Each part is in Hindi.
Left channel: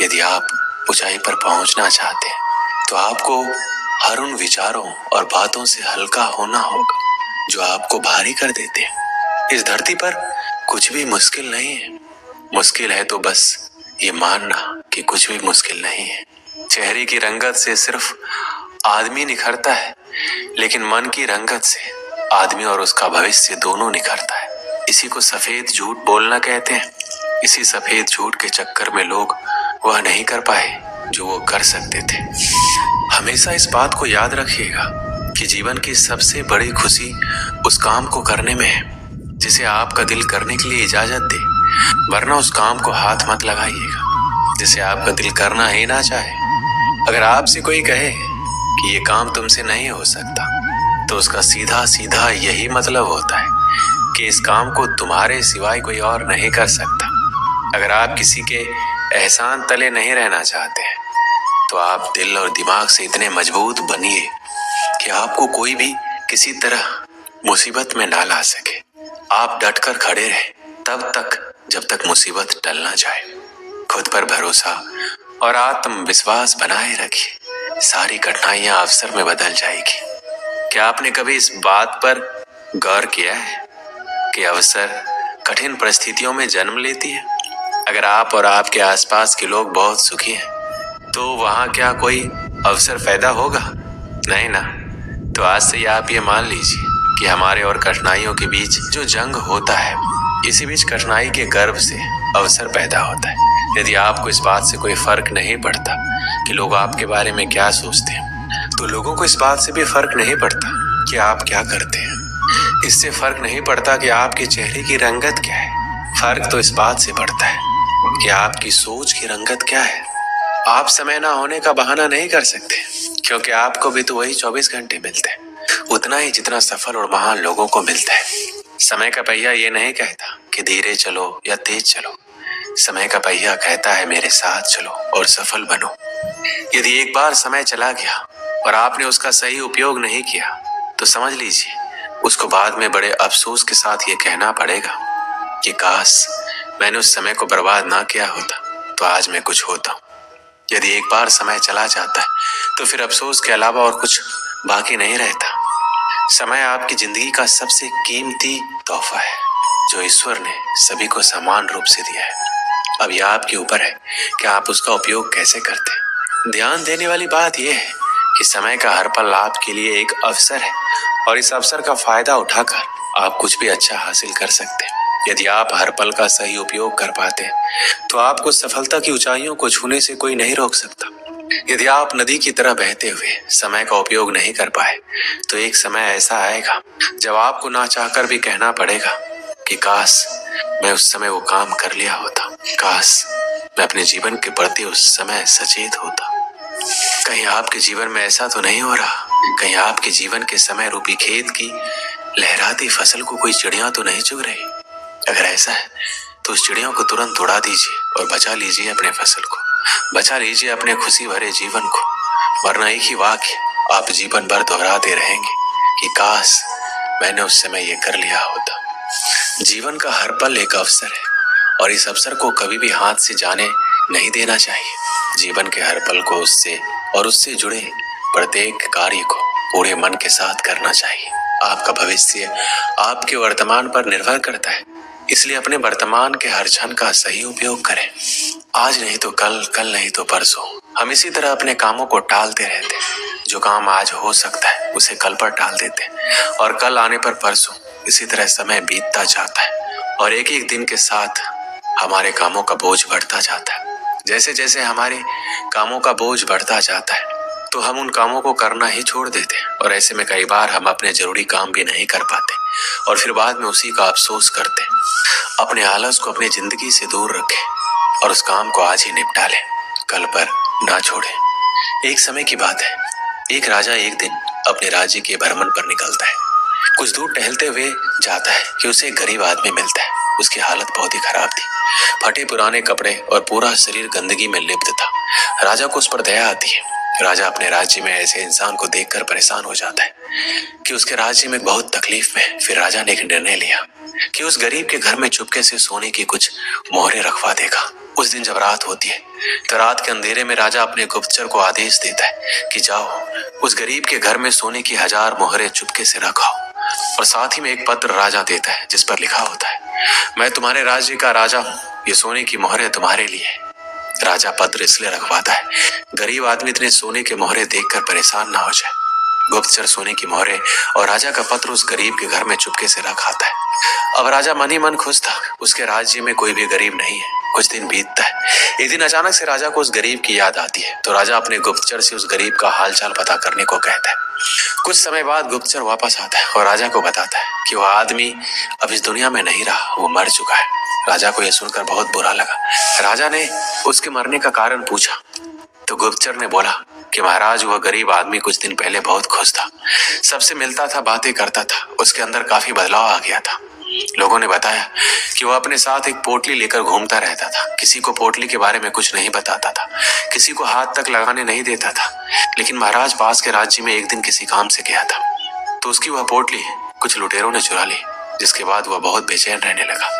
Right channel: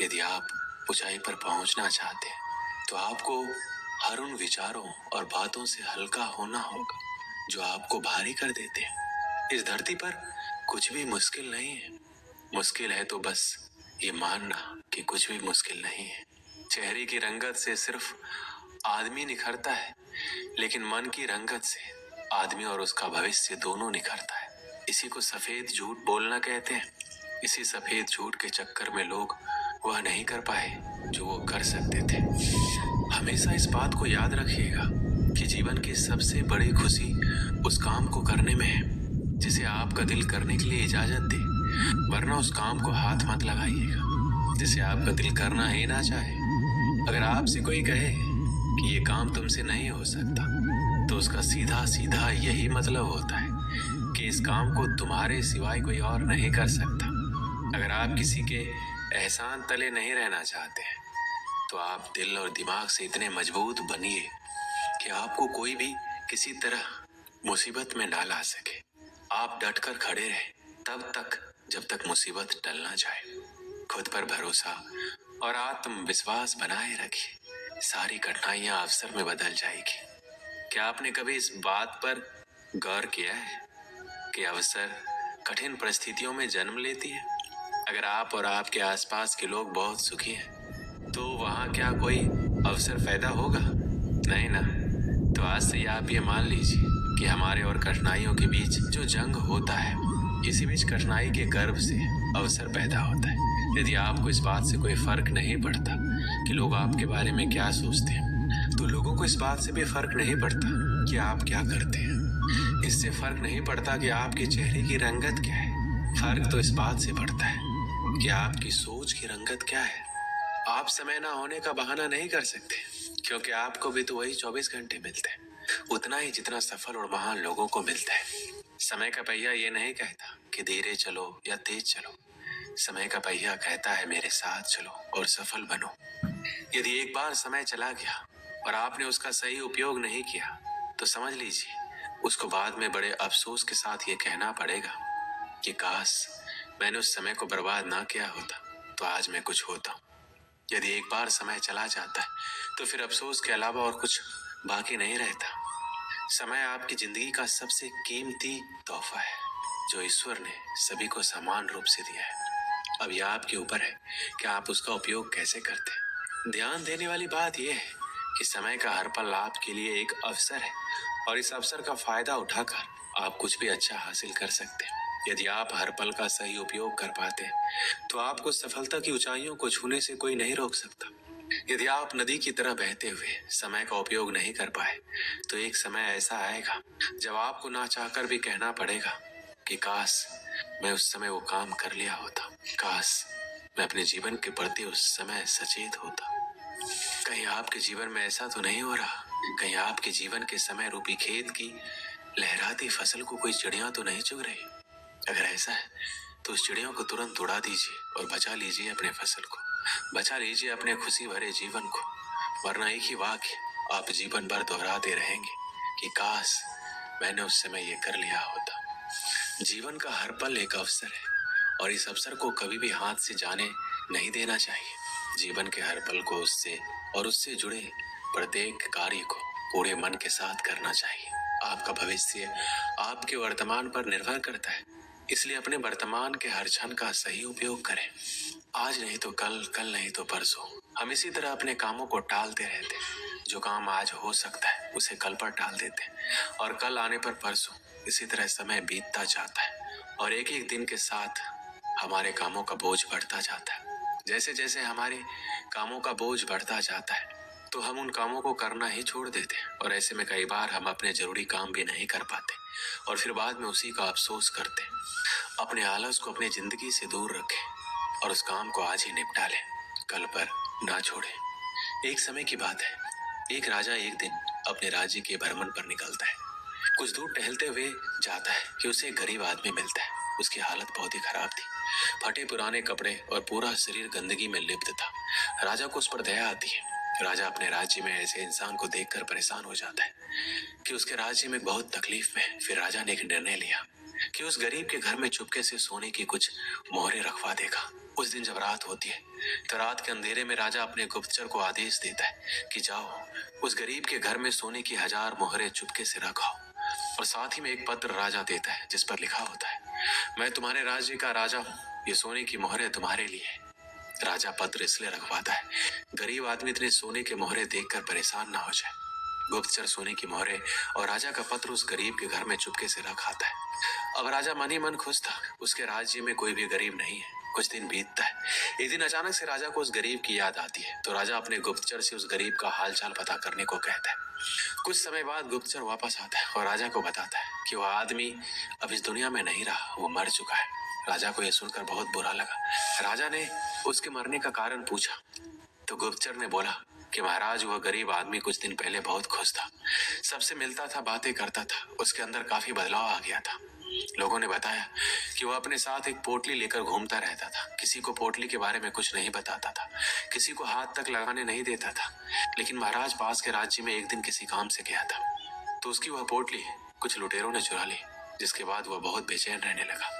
यदि आप ऊंचाई पर पहुंचना चाहते हैं तो आपको हर उन विचारों और बातों से हल्का होना होगा जो आपको भारी कर देते हैं। इस धरती पर कुछ भी मुश्किल नहीं है। मुश्किल है तो बस ये मानना कि कुछ भी मुश्किल नहीं है। चेहरे की रंगत से सिर्फ आदमी निखरता है, लेकिन मन की रंगत से आदमी और उसका भविष्य दोनों निखरता है। इसी को सफेद झूठ बोलना कहते हैं। इसी सफेद झूठ के चक्कर में लोग वह नहीं कर पाए जो वो कर सकते थे। हमेशा इस बात को याद रखिएगा कि जीवन की सबसे बड़ी खुशी उस काम को करने में है जिसे आपका दिल करने के लिए इजाजत दे, वरना उस काम को हाथ मत लगाइएगा जिसे आपका दिल करना ही ना चाहे। अगर आपसे कोई कहे कि ये काम तुमसे नहीं हो सकता, तो उसका सीधा सीधा यही मतलब होता है कि इस काम को तुम्हारे सिवाय कोई और नहीं कर सकता। अगर आप किसी के एहसान तले नहीं रहना चाहते हैं तो आप दिल और दिमाग से इतने मजबूत बनिए कि आपको कोई भी किसी तरह मुसीबत में ना ला सके। आप डटकर खड़े रहें तब तक जब तक मुसीबत टल ना जाए। खुद पर भरोसा और आत्मविश्वास बनाए रखिए। सारी कठिनाइयां अवसर में बदल जाएगी। क्या आपने कभी इस बात पर गौर किया है कि अवसर कठिन परिस्थितियों में जन्म लेती है? अगर आप और आपके आसपास के लोग बहुत सुखी हैं तो वहां क्या कोई अवसर पैदा होगा? नहीं ना। तो आज से आप ये मान लीजिए कि हमारे और कठिनाइयों के बीच जो जंग होता है, इसी बीच कठिनाई के गर्भ से अवसर पैदा होता है। यदि आपको इस बात से कोई फर्क नहीं पड़ता कि लोग आपके बारे में क्या सोचते हैं, तो लोगों को इस बात से भी फर्क नहीं पड़ता कि आप क्या करते हैं। इससे फर्क नहीं पड़ता कि आपके चेहरे की रंगत क्या है। फर्क तो इस बात से पड़ता है कि आपकी सोच की रंगत क्या है। आप समय ना होने का बहाना नहीं कर सकते, क्योंकि आपको भी तो वही 24 घंटे मिलते हैं, उतना ही जितना सफल और महान लोगों को मिलता है। समय का पहिया ये नहीं कहता कि धीरे चलो या तेज चलो। समय का पहिया कहता है मेरे साथ चलो और सफल बनो। यदि एक बार समय चला गया और आपने उसका सही उपयोग नहीं किया, तो समझ लीजिए उसको बाद में बड़े अफसोस के साथ ये कहना पड़ेगा कि काश मैंने उस समय को बर्बाद ना किया होता तो आज मैं कुछ होता। यदि एक बार समय चला जाता है तो फिर अफसोस के अलावा और कुछ बाकी नहीं रहता। समय आपकी जिंदगी का सबसे कीमती तोहफा है जो ईश्वर ने सभी को समान रूप से दिया है। अब यह आपके ऊपर है कि आप उसका उपयोग कैसे करते हैं। ध्यान देने वाली बात यह है कि समय का हर पल आपके लिए एक अवसर है और इस अवसर का फायदा उठाकर आप कुछ भी अच्छा हासिल कर सकते हैं। यदि आप हर पल का सही उपयोग कर पाते हैं तो आपको सफलता की ऊंचाइयों को छूने से कोई नहीं रोक सकता। यदि आप नदी की तरह बहते हुए समय का उपयोग नहीं कर पाए तो एक समय ऐसा आएगा जब आपको ना चाहकर भी कहना पड़ेगा कि काश मैं उस समय वो काम कर लिया होता, काश मैं अपने जीवन के प्रति उस समय सचेत होता। कहीं आपके जीवन में ऐसा तो नहीं हो रहा? कहीं आपके जीवन के समय रूपी खेत की लहराती फसल को कोई चिड़िया तो नहीं चुग रही? अगर ऐसा है तो उस चिड़ियों को तुरंत उड़ा दीजिए और बचा लीजिए अपने फसल को, बचा लीजिए अपने खुशी भरे जीवन को, वरना एक ही वाक्य आप जीवन भर दोहराते रहेंगे कि काश मैंने उस समय ये कर लिया होता। जीवन का हर पल एक अवसर है और इस अवसर को कभी भी हाथ से जाने नहीं देना चाहिए। जीवन के हर पल को उससे जुड़े प्रत्येक कार्य को पूरे मन के साथ करना चाहिए। आपका भविष्य आपके वर्तमान पर निर्भर करता है, इसलिए अपने वर्तमान के हर क्षण का सही उपयोग करें। आज नहीं तो कल, कल नहीं तो परसों। हम इसी तरह अपने कामों को टालते रहते हैं। जो काम आज हो सकता है उसे कल पर टाल देते हैं और कल आने पर परसों। इसी तरह समय बीतता जाता है और एक एक दिन के साथ हमारे कामों का बोझ बढ़ता जाता है। जैसे जैसे हमारे कामों का बोझ बढ़ता जाता है तो हम उन कामों को करना ही छोड़ देते हैं और ऐसे में कई बार हम अपने जरूरी काम भी नहीं कर पाते और फिर बाद में उसी का अफसोस करते हैं। अपने आलस को अपनी जिंदगी से दूर रखें और उस काम को आज ही निपटा लें, कल पर ना छोड़ें। एक समय की बात है, एक राजा एक दिन अपने राज्य के भ्रमण पर निकलता है। कुछ दूर टहलते हुए जाता है कि उसे एक गरीब आदमी मिलता है। उसकी हालत बहुत ही खराब थी, फटे पुराने कपड़े और पूरा शरीर गंदगी में लिप्त था। राजा को उस पर दया आती है। राजा अपने राज्य में ऐसे इंसान को देखकर परेशान हो जाता है कि उसके राज्य में बहुत तकलीफ में। फिर राजा ने एक निर्णय लिया कि उस गरीब के घर में चुपके से सोने की कुछ मोहरें रखवा देगा। उस दिन जब रात होती है तो रात के अंधेरे में राजा अपने गुप्तचर को आदेश देता है कि जाओ उस गरीब के घर में सोने की 1000 मोहरें चुपके से रखाओ। और साथ ही में एक पत्र राजा देता है जिस पर लिखा होता है, मैं तुम्हारे राज्य का राजा हूँ, ये सोने की मोहरें तुम्हारे लिए है। राजा पत्र इसलिए रखवाता है गरीब आदमी इतने सोने के मोहरे देखकर परेशान ना हो जाए। गुप्तचर सोने की मोहरे और राजा का पत्र उस गरीब के घर में चुपके से रख आता है। अब राजा मन ही मन खुश था, उसके राज्य में कोई भी गरीब नहीं है। कुछ दिन बीतता है। एक दिन अचानक से राजा को उस गरीब की याद आती है तो राजा अपने गुप्तचर से उस गरीब का हालचाल पता करने को कहता है। कुछ समय बाद गुप्तचर वापस आता है और राजा को बताता है कि वह आदमी अब इस दुनिया में नहीं रहा, वो मर चुका है। राजा को यह सुनकर बहुत बुरा लगा। राजा ने उसके मरने का कारण पूछा तो गुप्तचर ने बोला कि महाराज वह गरीब आदमी कुछ दिन पहले बहुत खुश था, सबसे मिलता था, बातें करता था, उसके अंदर काफी बदलाव आ गया था। लोगों ने बताया कि वह अपने साथ एक पोटली लेकर घूमता रहता था, किसी को पोटली के बारे में कुछ नहीं बताता था, किसी को हाथ तक लगाने नहीं देता था। लेकिन महाराज पास के राज्य में एक दिन किसी काम से गया था तो उसकी वह पोटली कुछ लुटेरों ने चुरा ली, जिसके बाद वह बहुत बेचैन रहने लगा,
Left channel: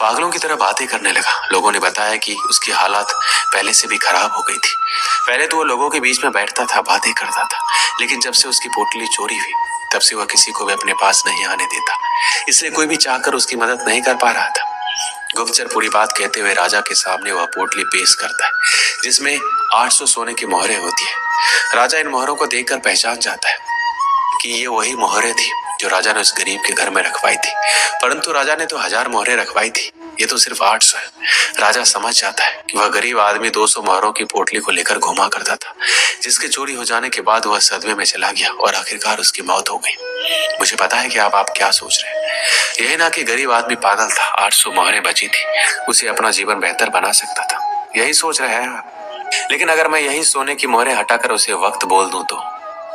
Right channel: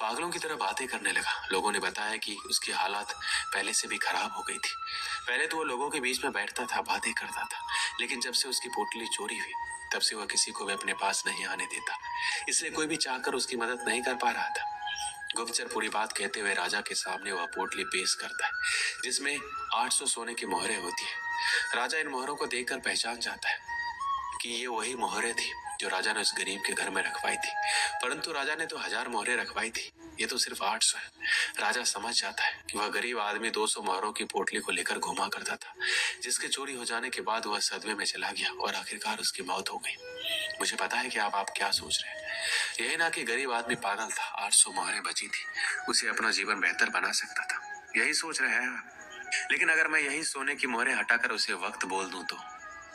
पागलों की तरह बातें करने लगा। लोगों ने बताया कि उसकी हालत पहले से भी खराब हो गई थी। पहले तो वो लोगों के बीच में बैठता था, बातें करता था, लेकिन जब से उसकी पोटली चोरी हुई तब से वह किसी को भी अपने पास नहीं आने देता, इसलिए कोई भी चाहकर उसकी मदद नहीं कर पा रहा था। गुप्तचर पूरी बात कहते हुए राजा के सामने वह पोटली पेश करता है जिसमें 800 सोने की मोहरें होती है। राजा इन मोहरों को देखकर पहचान जाता है कि ये वही मोहरें थी जो राजा ने उस गरीब के घर में रखवाई थी, परंतु राजा ने तो 1000 मोहरें रखवाई थी, ये तो सिर्फ 800 है। राजा समझ जाता है कि वह गरीब आदमी 200 मोहरों की पोटली को लेकर घुमा करता था, जिसके चोरी हो जाने के बाद वह सदमे में चला गया और आखिरकार उसकी मौत हो गई। मुझे पता है कि आप क्या सोच रहे हैं। यही ना कि गरीब आदमी पागल था, 800 मोहरें बची थी, उसे अपना जीवन बेहतर बना सकता था, यही सोच रहे हैं आप। लेकिन अगर मैं यही सोने की मोहरें हटाकर उसे वक्त बोल दूं तो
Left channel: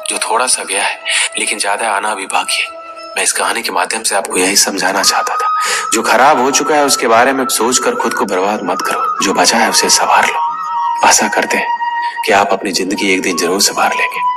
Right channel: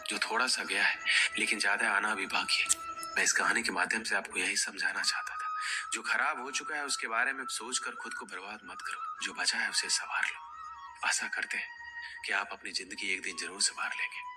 जो थोड़ा सा गया है लेकिन ज्यादा आना भी बाकी है। मैं इस कहानी के माध्यम से आपको यही समझाना चाहता था, जो खराब हो चुका है उसके बारे में सोचकर खुद को बर्बाद मत करो, जो बचा है उसे संवार लो। आशा करते हैं कि आप अपनी जिंदगी एक दिन जरूर संवार लेंगे।